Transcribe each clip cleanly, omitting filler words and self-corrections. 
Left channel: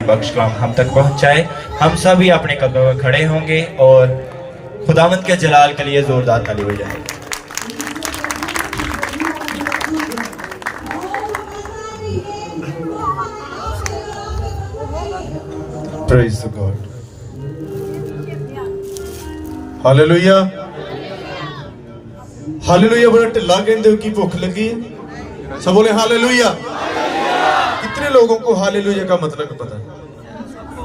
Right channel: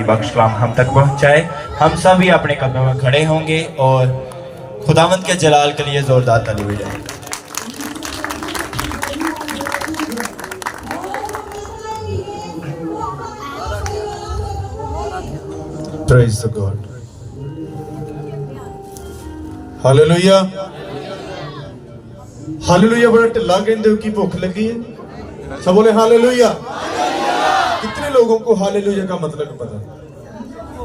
बख्श कलाम हम तक पहुंचाए। हम सभी अपने कदमों में खड़े होंगे और खुदावंद के जलाल के लिए जोरदार ताली बजाएं। Praise the God. Hallelujah. Hallelujah। बड़ा ढिला कहते हो कि भूख लगी है। सब बोले हालेलुया। कितने लोगों को हालेलुया का मतलब पता है?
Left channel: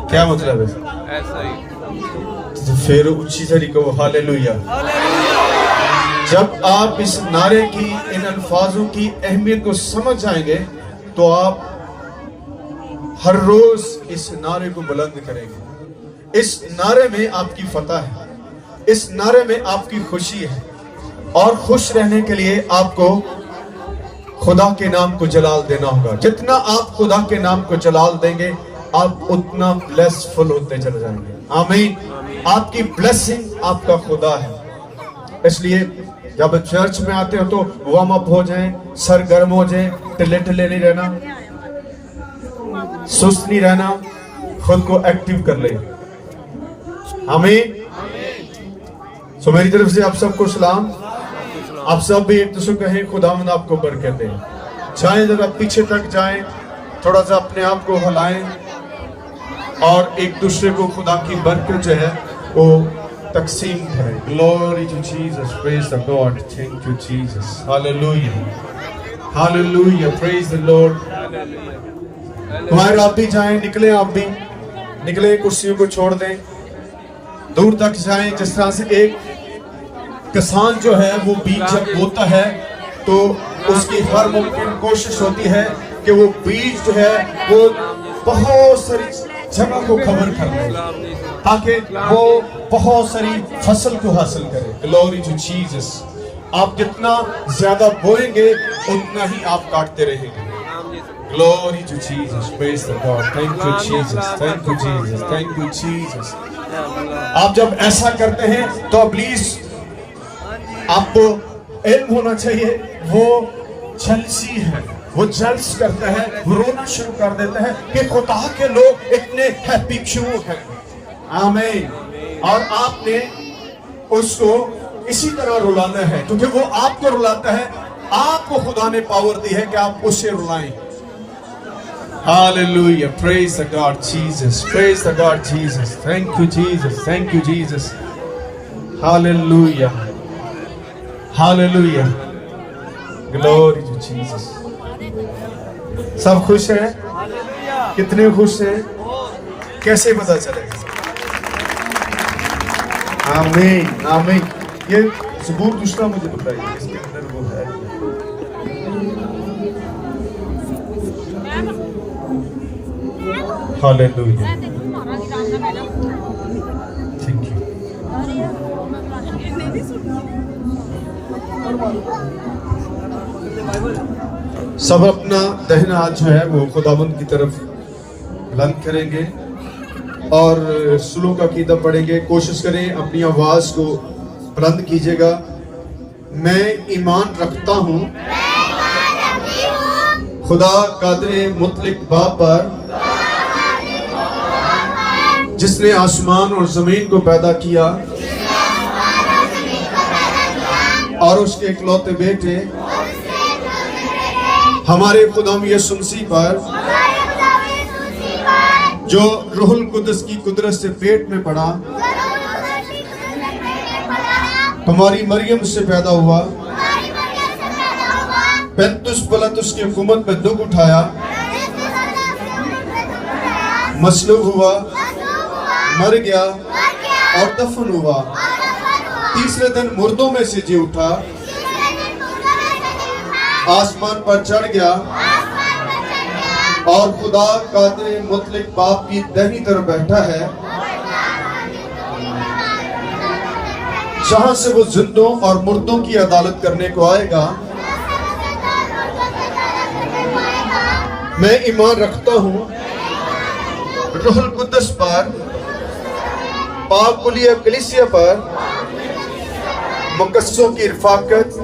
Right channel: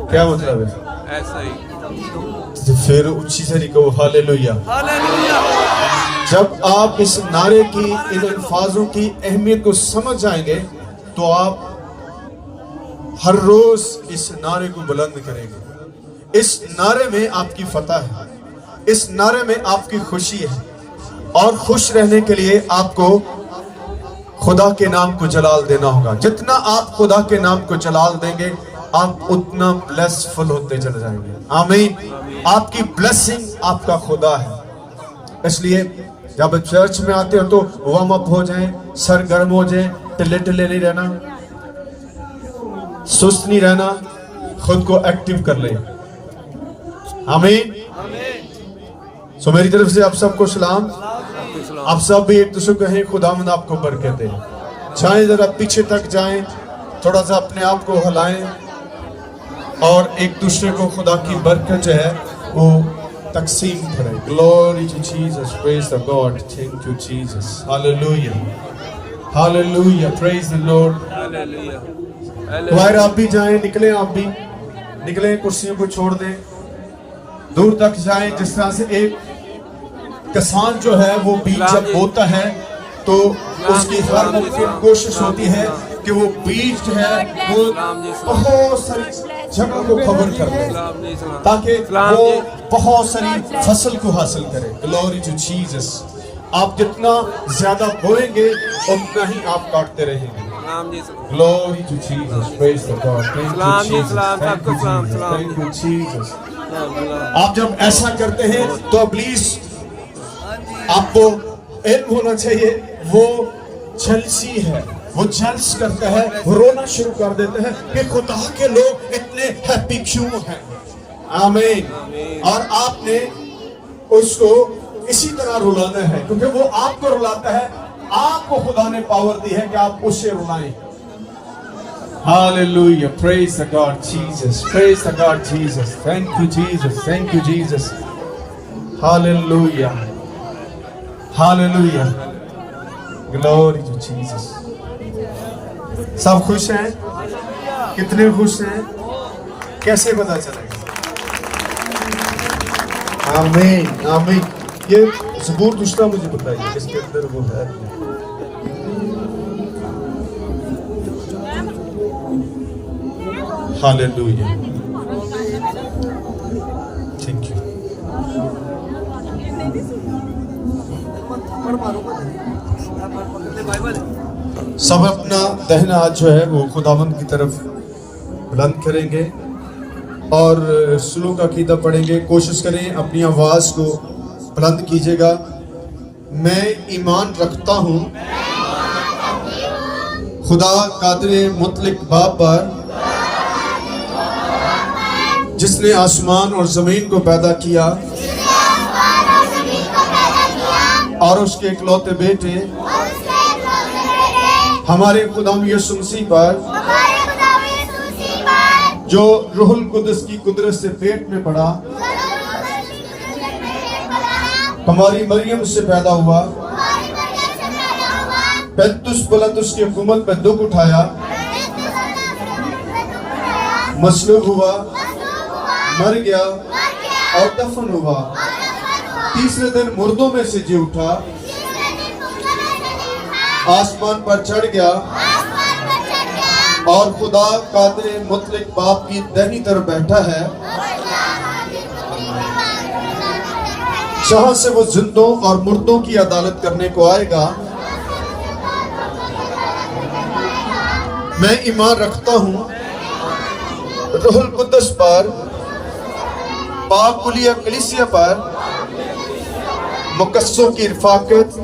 क्या मतलब है? ऐसा ही। तो फिर ऊंची से कहो हालेलुया। जब आप इस नारे की, इन अल्फाजों की अहमियत को समझ जाएंगे तो आप हर रोज इस नारे को बुलंद करेंगे। इस नारे में आपकी फतह है, इस नारे में आपकी खुशी है, और खुश रहने के लिए आपको खुदा के नाम को जलाल देना होगा। जितना आप खुदा के नाम को जलाल देंगे आप उतना ब्लेसफुल होते चले जाएंगे। आमीन। आपकी ब्लेसिंग आपका खुदा है। इसलिए जब चर्च में आते हो तो वार्म अप हो जाएं, सर गर्म हो जाए, टिल्ले टिल्ले नहीं रहना, सुस्त नहीं रहना, खुद को एक्टिव कर ले। आमीन। सो मेरी तरफ से आप सबको सलाम। आप सब भी एक दूसरे को कहें खुदावंद आपको बरकत दे। जाएं, जरा पीछे तक जाएं, थोड़ा सा अपने आप को हिलाएं और एक दूसरे को खुदा की बरकत जो है वो तकसीम करें। Glory to Jesus, praise the God, thank you Jesus, hallelujah, hallelujah, praise the Lord. बाहर आप भी जाएं, निकले, आप भी निकले, कुर्सियों को छोड़ दें, दूर तक जाएं। जिस तरह से एक किसान जो है वो बीज जब बोता है तो उसकी हर मुमकिन कोशिश होती है कि वो बीज जो है वो बहुत सारी जगह को कवर कर ले ताकि वो बहुत सारी फसल को हासिल करे। Glory to Jesus. आप जितना ज्यादा बोएंगे उतना ही आप काटते रहेंगे। Glory to Jesus, praise the God, thank you Jesus, thank you Jesus, thank you Jesus. आप जब ऐसा करते हैं तो प्लीज आपको इल्म होना चाहिए वो जलसी है, वो जल्स करता है, वो रोना शुरू कर देता है कि खुदा के लोग इतने हैप्पी क्यों हैं। आमीन। और आपने उसको इसी तरह रुलाना है क्योंकि वो आपको रुलाता है। आपको खुदा ने पावर दी है कि आप उसे रुलाएं। Hallelujah, praise the God Jesus, praise the God Jesus, thank you Jesus, thank you Jesus, hallelujah, hallelujah, glory to Jesus. सब खुश हैं? कितने खुश हैं? कैसे पता चलेगा? आमीन, आमीन। ये ज़बूर दूसरा मुझे बताइए इसके अंदर वो है। Hallelujah, thank you. सब अपना दाहिना हाथ जो है वो खुदावंद की तरफ बुलंद करेंगे और सुलूक का कीदा पढ़ेंगे। कोशिश करें अपनी आवाज को बुलंद कीजिएगा। मैं ईमान रखता हूँ खुदा कादिर मुतलक बाप पर जिसने आसमान और जमीन को पैदा किया और उसके इकलौते बेटे हमारे खुदाम यीशु मसीह पर जो रूहुल कुद्दस की कुदरत से पेट में पड़ा, हमारी मरियम से पैदा हुआ, पेंतुस पिलातुस की हुकूमत में दुख उठाया, मसलूब हुआ, मर गया और दफन हुआ, तीसरे दिन मुर्दों में से जी उठा, आसमान पर चढ़ गया और खुदा कादिर मुतलक बाप की दाहिनी तरफ बैठा है, जहां से वो जिंदों और मुर्दों की अदालत करने को आएगा। मैं ईमान रखता हूं रूहुल कुद्दस पर, पाक कुलिया कलीसिया पर, मुकस्सों की रफाकत,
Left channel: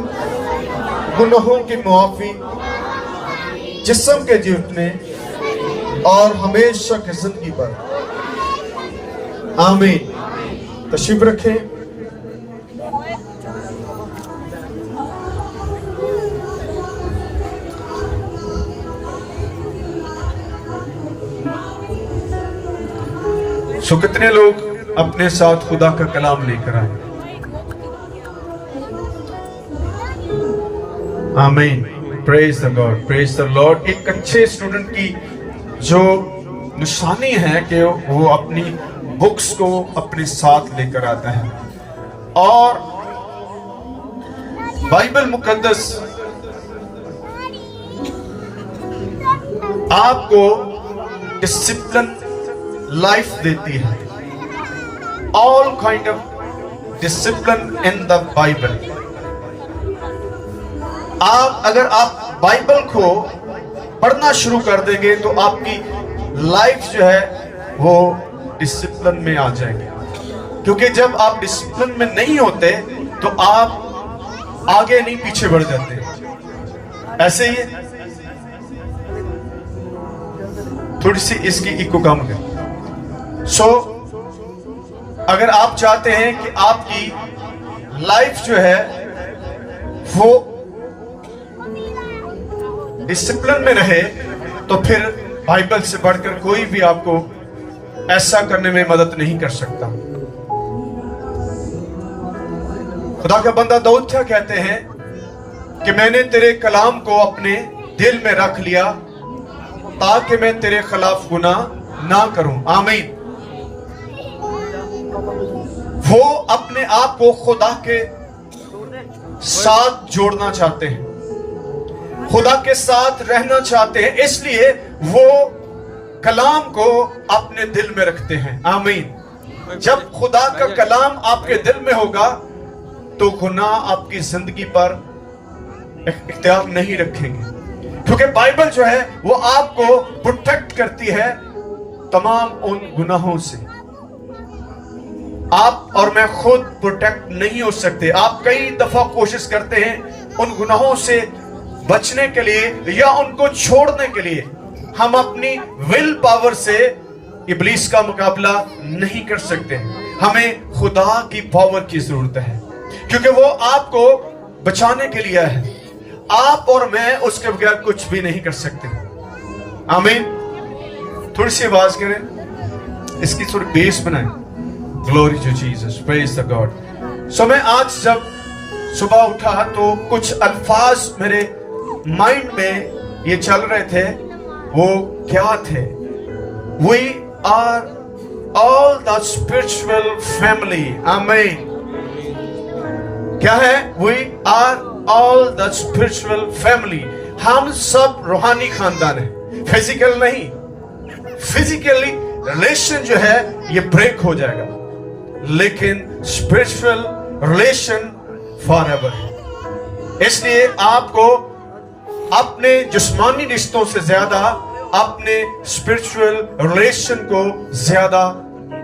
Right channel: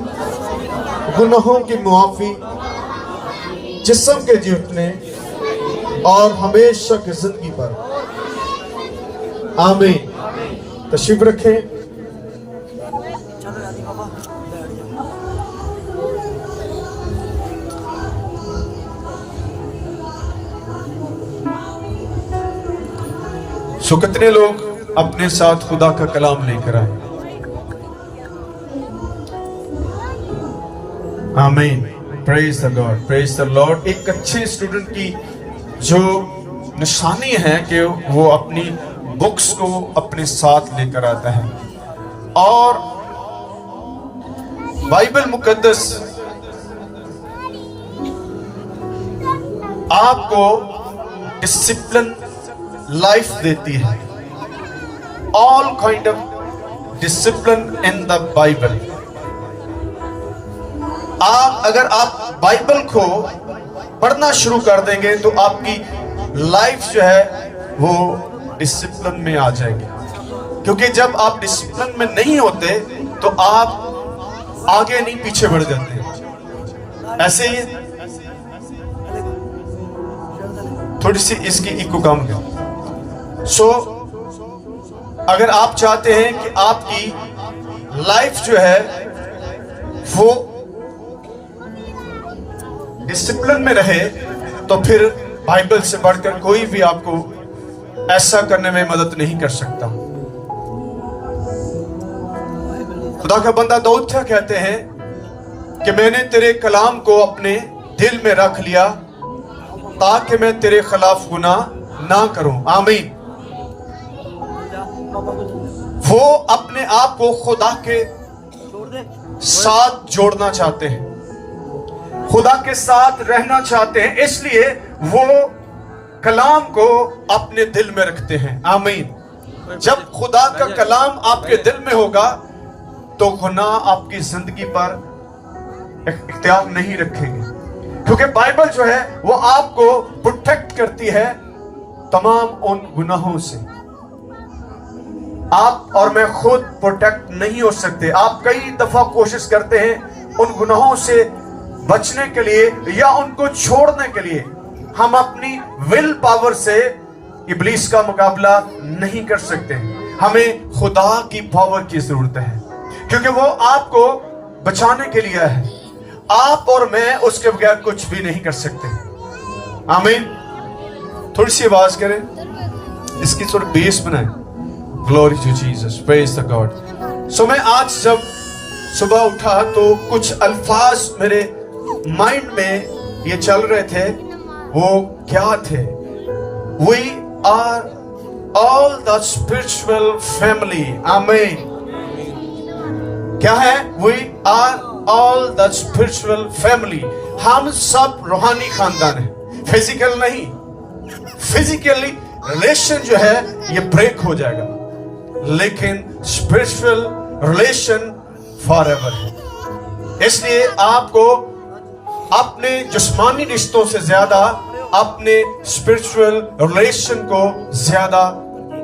गुनाहों की मुआफी, जिस्म के जी उठने, और हमेशा की जिंदगी पर। आमीन। तशरीफ रखें। सो कितने लोग अपने साथ खुदा का कलाम लेकर आए? आमीन। Praise the God, praise the Lord. एक अच्छे स्टूडेंट की जो निशानी है कि वो अपनी बुक्स को अपने साथ लेकर आता है और बाइबल मुकद्दस आपको डिसिप्लिन लाइफ देती है। All kind of discipline in the Bible. अगर आप बाइबल को पढ़ना शुरू कर देंगे तो आपकी लाइफ जो है वो डिसिप्लिन में आ जाएगी, क्योंकि जब आप डिसिप्लिन में नहीं होते तो आप आगे नहीं पीछे बढ़ जाते। ऐसे ही थोड़ी सी इसकी इको कम है। सो अगर आप चाहते हैं कि आपकी लाइफ जो है वो डिसिप्लिन में रहे तो फिर बाइबल से बढ़कर कोई भी आपको ऐसा करने में मदद नहीं कर सकता। खुदा का बंदा दाऊद क्या कहते हैं कि मैंने तेरे कलाम को अपने दिल में रख लिया ताकि मैं तेरे खिलाफ गुनाह ना करूं। आमीन। वो अपने आप को खुदा के साथ जोड़ना चाहते हैं, खुदा के साथ रहना चाहते हैं, इसलिए वो कलाम को अपने दिल में रखते हैं। आमीन। जब खुदा का कलाम आपके दिल में होगा तो गुनाह आपकी जिंदगी पर इख्तियार नहीं रखेंगे, क्योंकि बाइबल जो है वो आपको प्रोटेक्ट करती है तमाम उन गुनाहों से। आप और मैं खुद प्रोटेक्ट नहीं हो सकते। आप कई दफा कोशिश करते हैं उन गुनाहों से बचने के लिए या उनको छोड़ने के लिए। हम अपनी विल पावर से इब्लीस का मुकाबला नहीं कर सकते। हमें खुदा की पावर की जरूरत है, क्योंकि वो आपको बचाने के लिए है। आप और मैं उसके बगैर कुछ भी नहीं कर सकते। आमीन। थोड़ी सी आवाज करें, इसकी थोड़ी बेस बनाए। Glory to Jesus, praise the God. So मैं आज जब सुबह उठा तो कुछ अल्फाज मेरे माइंड में ये चल रहे थे। वो क्या थे? We are all the spiritual family. आमीन। क्या है? We are all the spiritual family. हम सब रूहानी खानदान है, फिजिकल नहीं। फिजिकली रिलेशन जो है ये ब्रेक हो जाएगा, लेकिन स्पिरिचुअल रिलेशन फॉरएवर है। इसलिए आपको अपने जिस्मानी रिश्तों से ज्यादा अपने स्पिरिचुअल रिलेशन को ज्यादा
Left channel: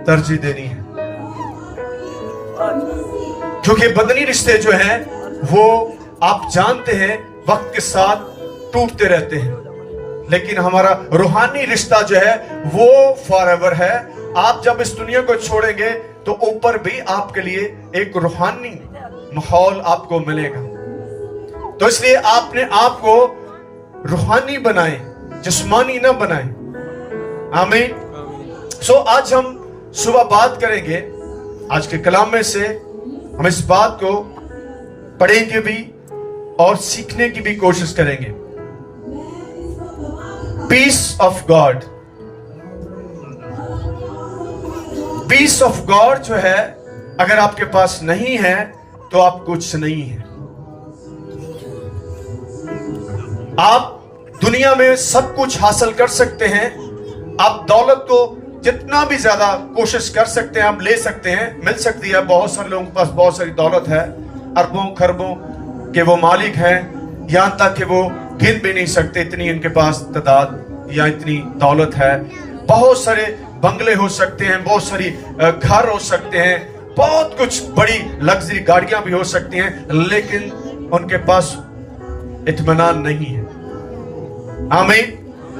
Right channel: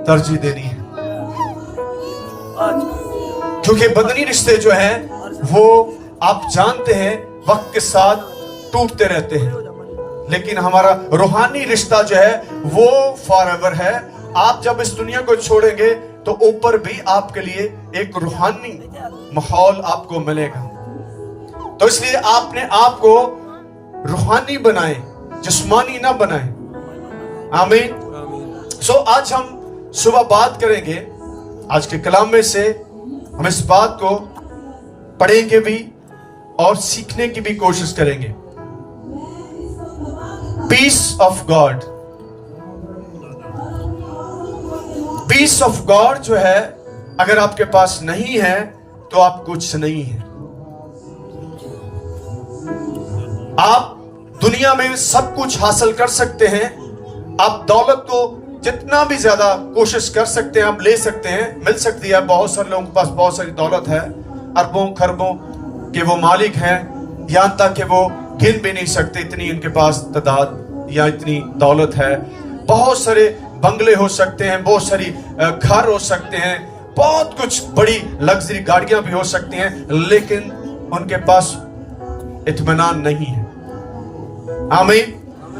तरजीह देनी है, क्योंकि बदनी रिश्ते जो हैं वो आप जानते हैं वक्त के साथ टूटते रहते हैं, लेकिन हमारा रूहानी रिश्ता जो है वो फॉरएवर है। आप जब इस दुनिया को छोड़ेंगे तो ऊपर भी आपके लिए एक रूहानी माहौल आपको मिलेगा। तो इसलिए आपने आपको रूहानी बनाए, जिस्मानी ना बनाए। आमीन। सो आज हम सुबह बात करेंगे, आज के कलाम में से हम इस बात को पढ़ेंगे भी और सीखने की भी कोशिश करेंगे। Peace of God. Peace of God जो है अगर आपके पास नहीं है तो आप कुछ नहीं है। आप दुनिया में सब कुछ हासिल कर सकते हैं, आप दौलत को जितना भी ज्यादा कोशिश कर सकते हैं आप ले सकते हैं, मिल सकती है। बहुत सारे लोगों के पास बहुत सारी दौलत है, अरबों खरबों के वो मालिक हैं, यहां तक कि वो गिन भी नहीं सकते इतनी इनके पास तादाद या इतनी दौलत है। बहुत सारे बंगले हो सकते हैं, बहुत सारी घर हो सकते हैं, बहुत कुछ बड़ी लग्जरी गाड़ियां भी हो सकती हैं, लेकिन उनके पास इत्मीनान नहीं है। आमीन।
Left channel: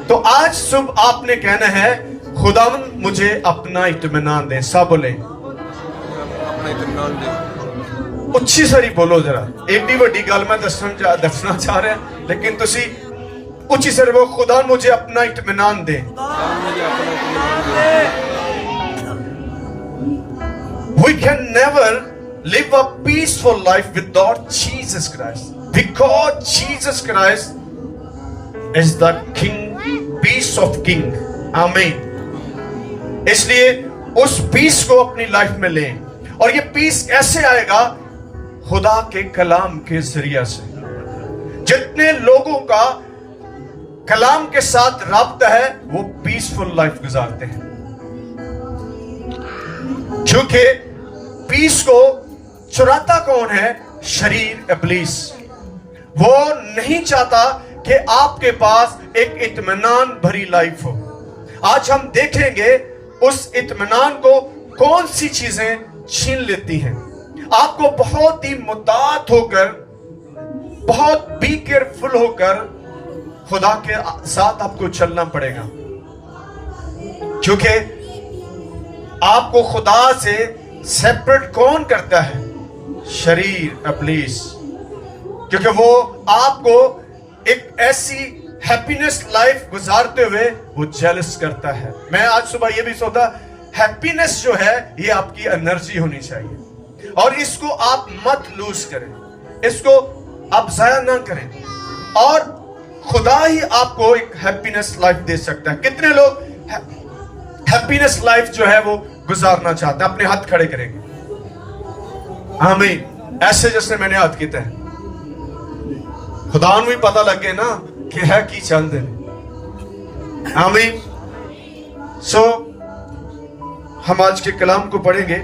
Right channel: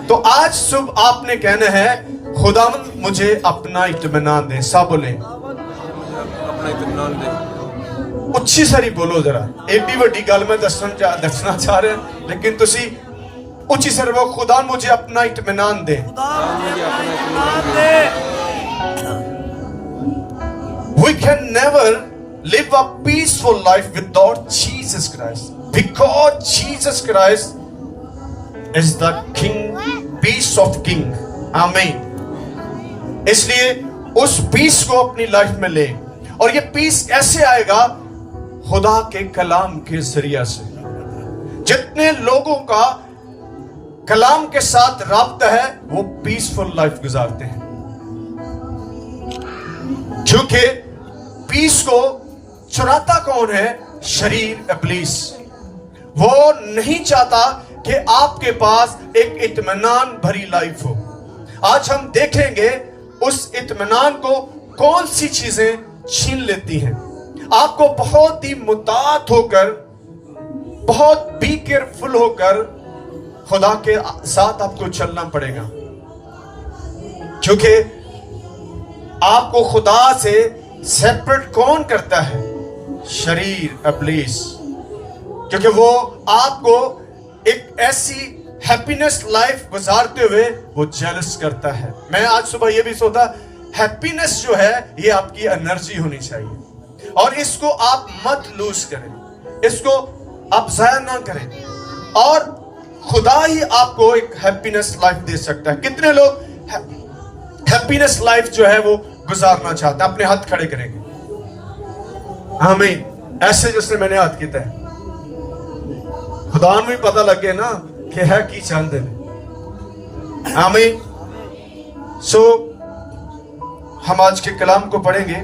तो आज सुबह आपने कहना है खुदा मुझे अपना इत्मीनान दे। सब बोले अपना इत्मीनान दे। ਉੱਚੀ ਸਾਰੀ ਬੋਲੋ ਜਰਾ। ਏਡੀ ਵੱਡੀ ਗੱਲ ਮੈਂ ਦੱਸਣਾ ਚਾਹ ਰਿਹਾ, ਲੇਕਿन ਤੁਸੀਂ ਉੱਚੀ ਸਾਰੀ ਬੋਲੋ, खुदा मुझे अपना इत्मीनान दे। खुदा मुझे अपना इत्मीनान दे। We can never live a peaceful life without Jesus Christ, because Jesus Christ is the King, peace of King. आमीन। इसलिए उस पीस को अपनी लाइफ में लें, और ये पीस कैसे आएगा? खुदा के कलाम के जरिया से। जितने लोगों का कलाम के साथ राब्ता है वो पीसफुल लाइफ गुजारते हैं, क्योंकि पीस को चुराता कौन है? शरीर, इब्लीस। वो नहीं चाहता कि आपके पास एक इत्मीनान भरी लाइफ हो। आज हम देखेंगे उस इत्मीनान को कौन सी चीजें छीन लेती हैं। आपको बहुत ही मुतात होकर, बहुत बी केयरफुल होकर खुदा के साथ आपको चलना पड़ेगा, क्योंकि आपको खुदा से सेपरेट कौन करता है? शरीर, इब्लीस। क्योंकि वो आपको एक ऐसी हैप्पीनेस लाइफ गुजारते हुए वो जेलस करता है। मैं आज सुबह ये भी सोचा, हैप्पीनेस जो है ये आपकी एनर्जी होनी चाहिए, और इसको आप मत लूज करें, इसको आप जाया ना करें, और खुदा ही आपको एक हैप्पीनेस लाइफ दे सकता है। कितने लोग हैप्पीनेस लाइफ जो है वो गुजारना चाहते हैं? अपने हाथ खड़े करेंगे। आमीन। ऐसे जैसे मैंने हाथ किया है, खुदा ਨੂੰ भी पता लगे ना कि है की चंद है। आमीन। सो हम आज के कलाम को पढ़ेंगे।